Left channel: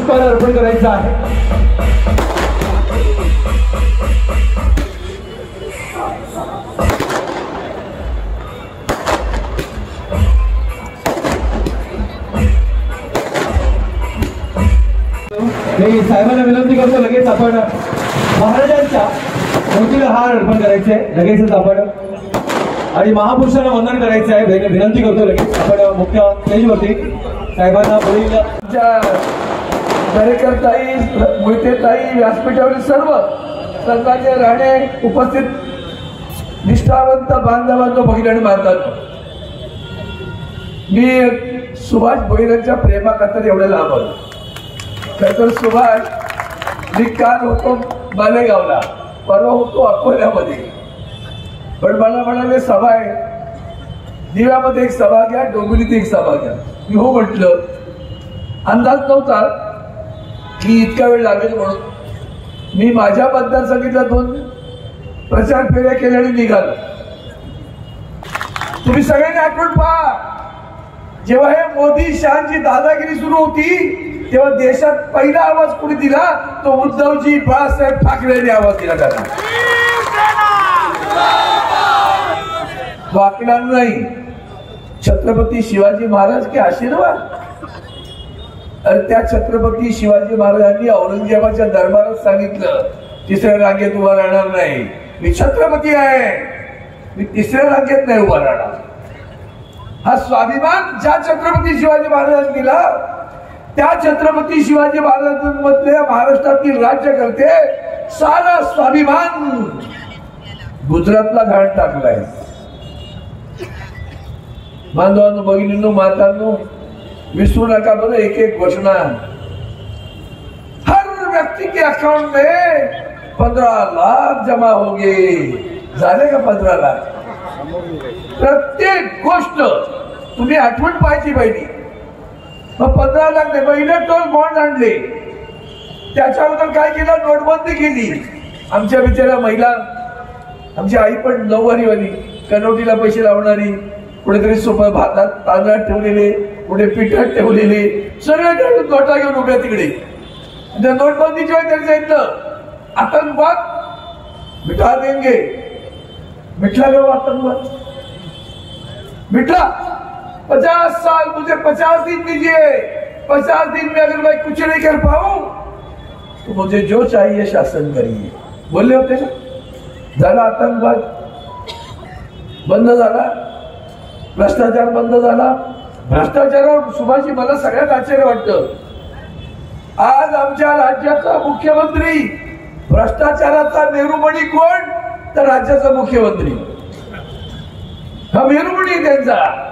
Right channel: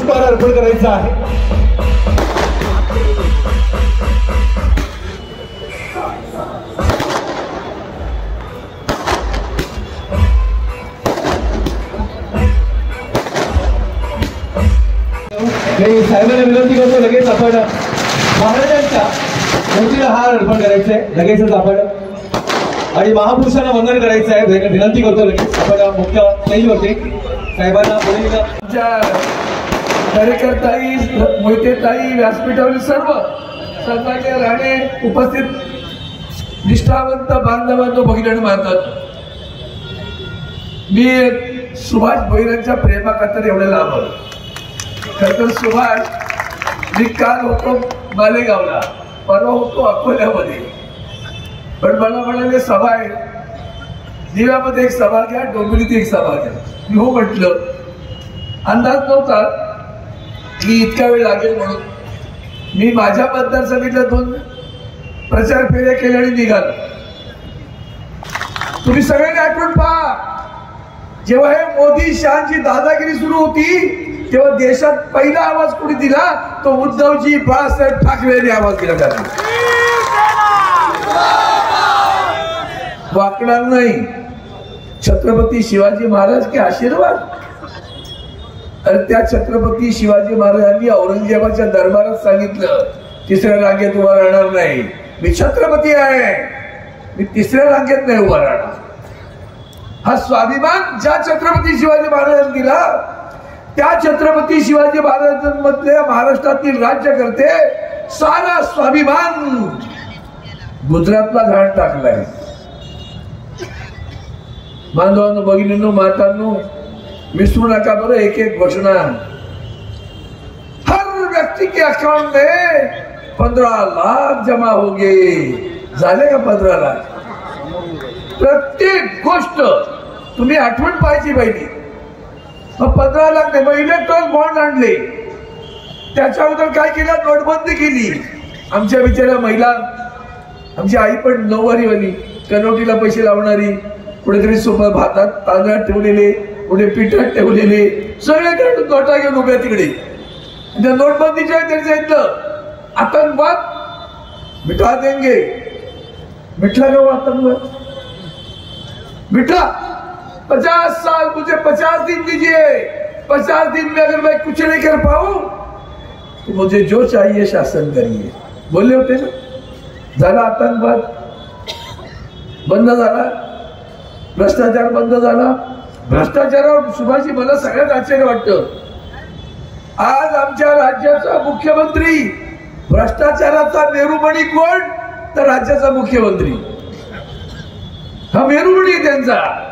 पुष्पहार अर्पण करायचा आहे। मी साहेबांना विनंती करतो, लगेच आपण महाराजांच्या मूर्तीला हार अर्पण करायचा आहे, लगेचच आपण आणि महापुरुषांना वंदन करायचं आहे। विनंती करतो, लगेच आपण मुख्य स्टेजवरती साहेबांना बोलवूया। कार्यकर्ताई, मोहितेताई, व्यासपीठावरील सर्व सन्मान्य राणे, उपस्थित निष्ठावंत बांधवांनो, भगिनी मारतात, मी सुभाष भोईरांच्या प्रेमाखातर एवढं लांब आलो। खरं सुभाष मी काल होतो मालेगावला, परवा होतो अकोल्यामध्ये, पण मला म्हणाले सभा आहे, दिव्यामध्ये एक सभा घ्या, डोंबिवलीत एक सभा घ्या। मी हो म्हटलं, अंदाज नव्हता की इतका वेळ लागेल म्हणून। मी माझ्या मतदारसंघातल्या 2 प्रचार फेऱ्या केल्या आणि निघालो। तुम्ही सगळ्यांनी आठवण पहा, जेव्हा हे मोदी शहाची दादागिरी सुरू होती तेव्हा देशात पहिला आवाज कोणी दिला, तो उद्धवजी बाळासाहेब ठाकरेंनी आवाज दिला त्याला। वाकणार नाही। छत्रपती शिवाजी महाराज के आशीर्वाद, अरे त्या छत्रपती शिवाजी महाराजांनी औरंगजेबाच्या दरबारात सांगितलं, 3ऱ्या रांगेत उभा राहणार नाही, मी छत्रपती आहे, मी 3ऱ्या रांगेत नाही उभा राहणार। हा स्वाभिमान ज्या छत्रपती शिवाजी महाराजांनी दिला, त्या छत्रपती शिवाजी महाराजांमधल्या महाराष्ट्रातील राज्यकर्ते सारा स्वाभिमान गुजरातला घाण टाकलाय। बांधवांनो, भगिनींनो, मातांनो, विसरू नका बरं एक एक घोषणा। हर व्यक्ति के अकाउंट में 15 लाख जमा होंगे, झाले का 15 लाख? प्रत्येक गोष्ट तुम्ही आठवण पाहिजे पाहिजे। 15 लाख इलेक्ट्रॉनिक बॉन्ड आणले, त्याच्या अगोदर काय केलं, नोटबंदी केली। आमच्या बिचाऱ्या महिला, आमची आई पण नऊवारीवाली, कनोटीला पैसे लावणारी, कुठेतरी सोबत भातात तांदळात ठेवलेले, पुढे पिठात ठेवलेले, सगळ्याकडे नोटा घेऊन उभ्या तिकडे। नोटबंदीच्या वेळी सांगितलं आतंकवाद मिटा देंगे, मिटला घेऊ आतंकवाद, मिटला। 50 साल मुझे 50 दिन दीजिए, 50 दिन में अगर मैं कुछ नहीं कर पाऊं तो मुझे जो चाहिए शासन करिए, बोलले होते ना। झाला आतंकवाद बंद झाला, भ्रष्टाचार बंद झाला। भ्रष्टाचारावर सुभाषजी मला सगळ्यात आश्चर्य वाटतं, आज आमच्या राज्याचा मुख्यमंत्री भ्रष्टाचाराचा मेरुमणी कोण, तर राज्याचा मुख्यमंत्री। हा मेरुमणी त्यांचा।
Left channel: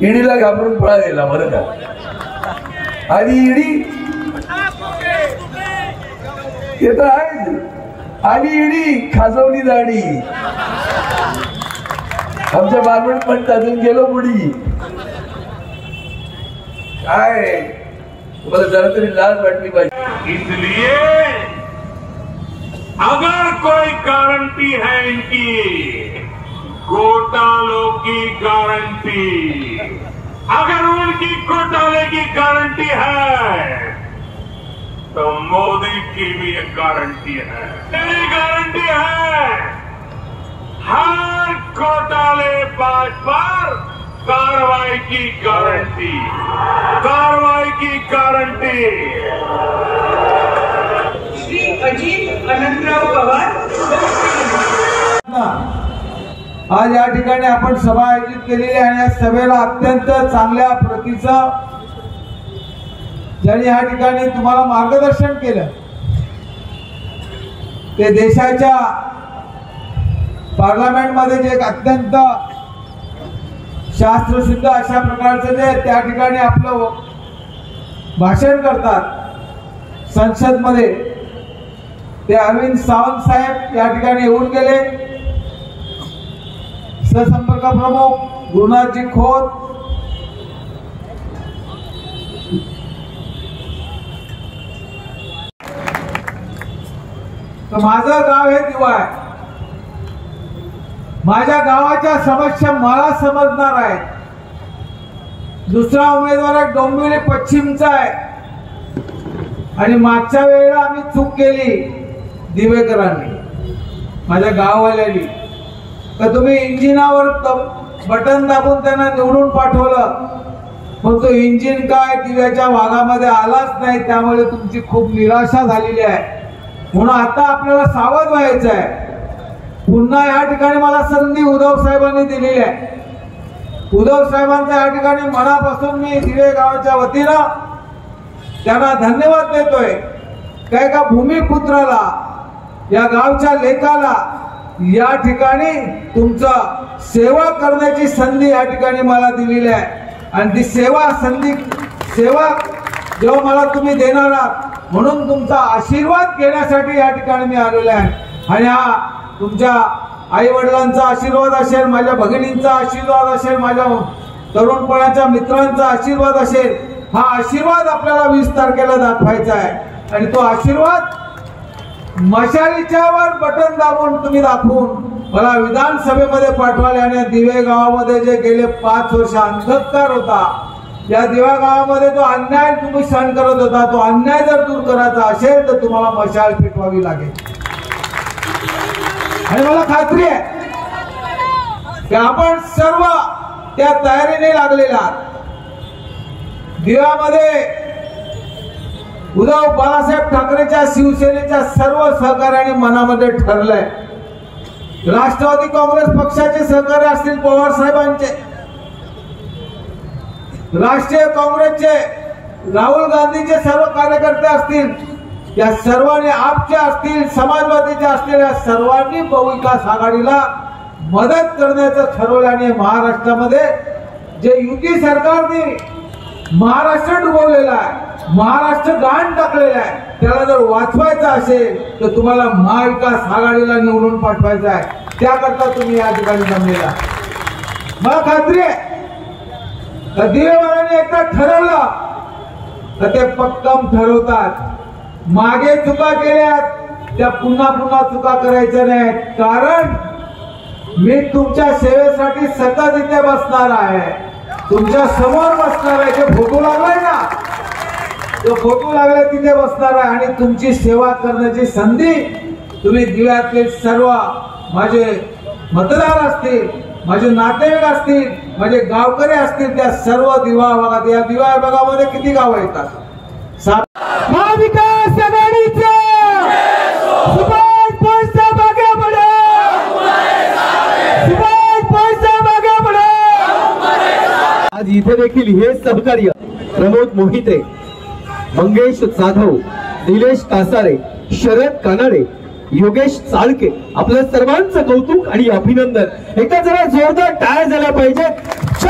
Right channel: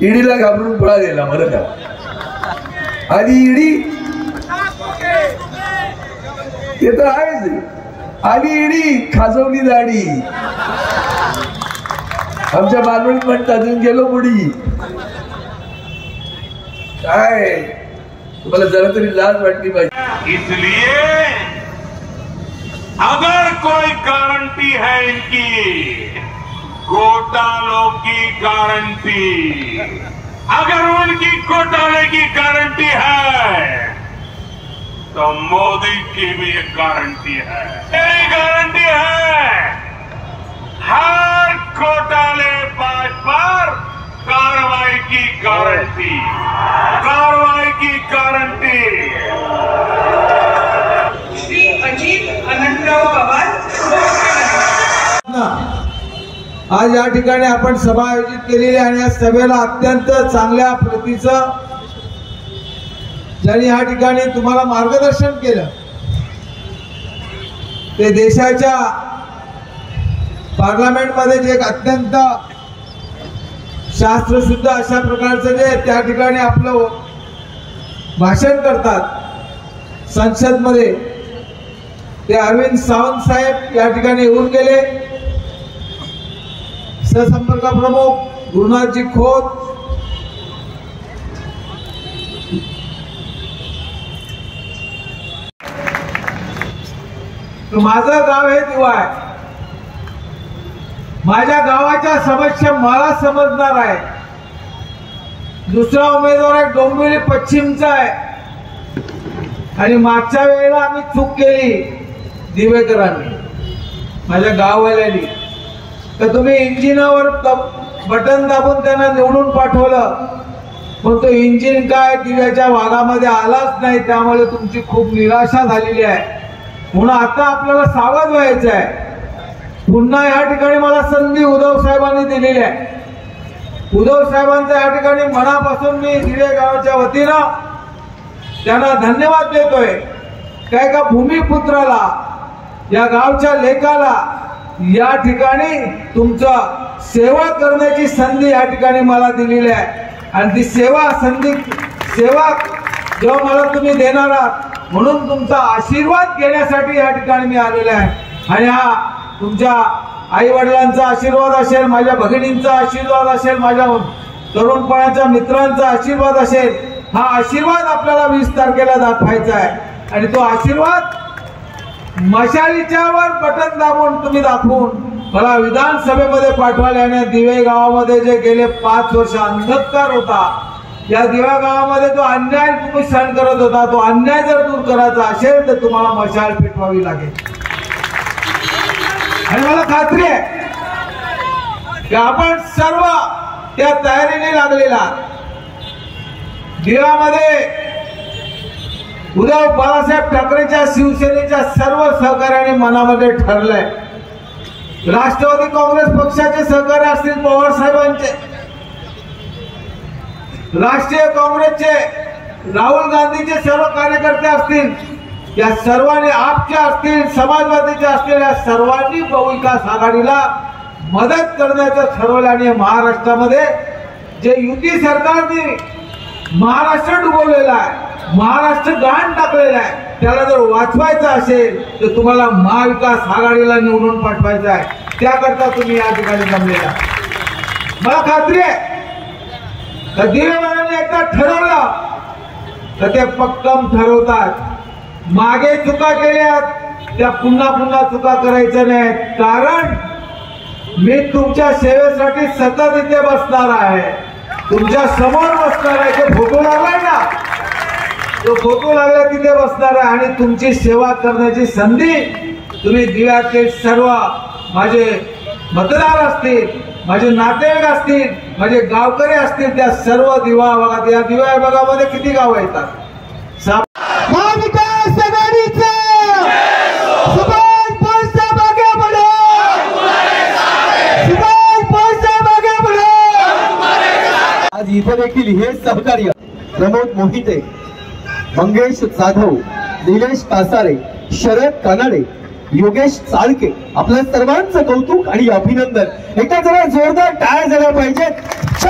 ईडीला घाबरून पळालेला बरं का, आणि ईडी ते तर आहेच, आणि ईडी खाजवली दाढी। आमच्या बालवडी म्हणतात अजून गेलो मुडी, काय तुम्हाला जरा तरी लाज वाटली पाहिजे। इसलिए अगर कोई गारंटी है इनकी, घोटालों की गारंटी, अगर उनकी घोटाले की गारंटी है तो मोदी की भी एक गारंटी है, गारंटी है। हर घोटाले पर कार्रवाई की गारंटी, कार्रवाई की गारंटी। श्री अजित अनंतराव पवार। आज या ठिकाणी आपण सभा आयोजित केलेली आणि या सभेला अत्यंत चांगल्या प्रतीचं ज्यांनी या ठिकाणी तुम्हाला मार्गदर्शन केलं, ते देशाच्या पार्लमेंटमध्ये जे अत्यंत शास्त्रशुद्ध अशा प्रकारचं जे त्या ठिकाणी आपलं भाषण करतात संसदमध्ये, ते अरविंद सावंत साहेब या ठिकाणी येऊन गेले। सहसंपर्क प्रमुख गुरुनाथजी खोत, माझं गाव हे दिवा आहे, माझ्या गावाच्या समस्या मला समजणार आहे। दुसरा उमेदवार एक डोंबिवली पश्चिमचा आहे, आणि मागच्या वेळेला आम्ही चूक केली दिवेकरांनी, माझ्या गाववाल्यांनी, तर तुम्ही इंजिनावर बटन दाबून त्यांना निवडून पाठवलं, पण तो इंजिन काय दिव्याच्या भागामध्ये आलाच नाही, त्यामुळे तुमची खूप निराशा झालेली आहे. म्हणून आता आपल्याला सावध व्हायचं आहे. पुन्हा या ठिकाणी मला संधी उद्धव साहेबांनी दिलेली आहे. उद्धव साहेबांच्या या ठिकाणी मनापासून मी दिवे गावाच्या वतीनं त्यांना धन्यवाद देतोय. काय का भूमिपुत्राला, या गावच्या लेकाला या ठिकाणी तुमचं सेवा करण्याची संधी या ठिकाणी मला दिलेली आहे. आणि ती सेवा जेव्हा मला तुम्ही देणार आहात, म्हणून तुमचा आशीर्वाद घेण्यासाठी या ठिकाणी मी आलेलो आहे. आणि हा तुमच्या आई वडिलांचा आशीर्वाद असेल, माझ्या भगिनींचा आशीर्वाद असेल, माझ्या तरुणपणाच्या मित्रांचा आशीर्वाद असेल, हा आशीर्वाद आपल्याला 20 तारखेला दाखवायचा आहे. आणि तो आशीर्वाद मशालीच्या वर बटन दाबून तुम्ही दाखवून मला विधानसभेमध्ये पाठवाल्याने दिवे गावामध्ये जे गेले 5 वर्ष अंधकार होता, या दिवा गावामध्ये जो अन्याय तुम्ही सहन करत होता, तो अन्याय जर दूर करायचा असेल तर तुम्हाला मशाल पेटवावी लागेल. आणि मला खात्री आहे की आपण सर्व त्या तयारीने लागलेला. दिव्यामध्ये उद्धव बाळासाहेब ठाकरेच्या शिवसेनेच्या सर्व सहकार्याने मनामध्ये ठरलंय. राष्ट्रवादी काँग्रेस पक्षाचे सहकार्य असतील, पवार साहेबांचे, राष्ट्रीय काँग्रेसचे राहुल गांधीचे सर्व कार्यकर्ते असतील, या सर्वांनी, आपचे असतील, समाजवादीचे असतील, या सर्वांनी बहुविकास आघाडीला मदत करण्याचं ठरवलं. आणि महाराष्ट्रामध्ये जे युती सरकारने महाराष्ट्र डुबवलेला आहे, महाराष्ट्र गाण टाकलेला आहे, त्याला जर वाचवायचं असेल तर तुम्हाला महाविकास आघाडीला निवडून पाठवायचं आहे. त्याकरता तुम्ही या ठिकाणी जमलेला. मला खात्री आहे तर दिवेवाल्यांनी एकदा ठरवलं तर ते पक्कम ठरवतात. मागे चुका केल्यात त्या पुन्हा चुका करायच्या नाहीत. कारण मी तुमच्या सेवेसाठी सतत इथे बसणार आहे, तुमच्या समोर बसणार आहे. जे फोटो लागलाय ना, तो फोटो लागला तिथे बसणार आहे. आणि तुमची सेवा करण्याची संधी तुम्ही दिव्यातले सर्व माझे मतदार असतील, माझे नातेवाईक असतील, माझे गावकरी असतील, त्या सर्व दिवा भागात, या दिवा भागामध्ये किती गाव येतात, महाविकास आघाडीचे सुभाष भाईसाहेब आगे बढो, सुभाष भाईसाहेब आगे बढो. आज इथे देखील हे सहकार्य प्रमोद मोहिते, मंगेश जाधव, निलेश कासारे, शरद कानाडे, योगेश चाळके, आपल्या सर्वांचं कौतुक आणि अभिनंदन. एकदा जरा जोरदार टाळ्या झाल्या पाहिजेत.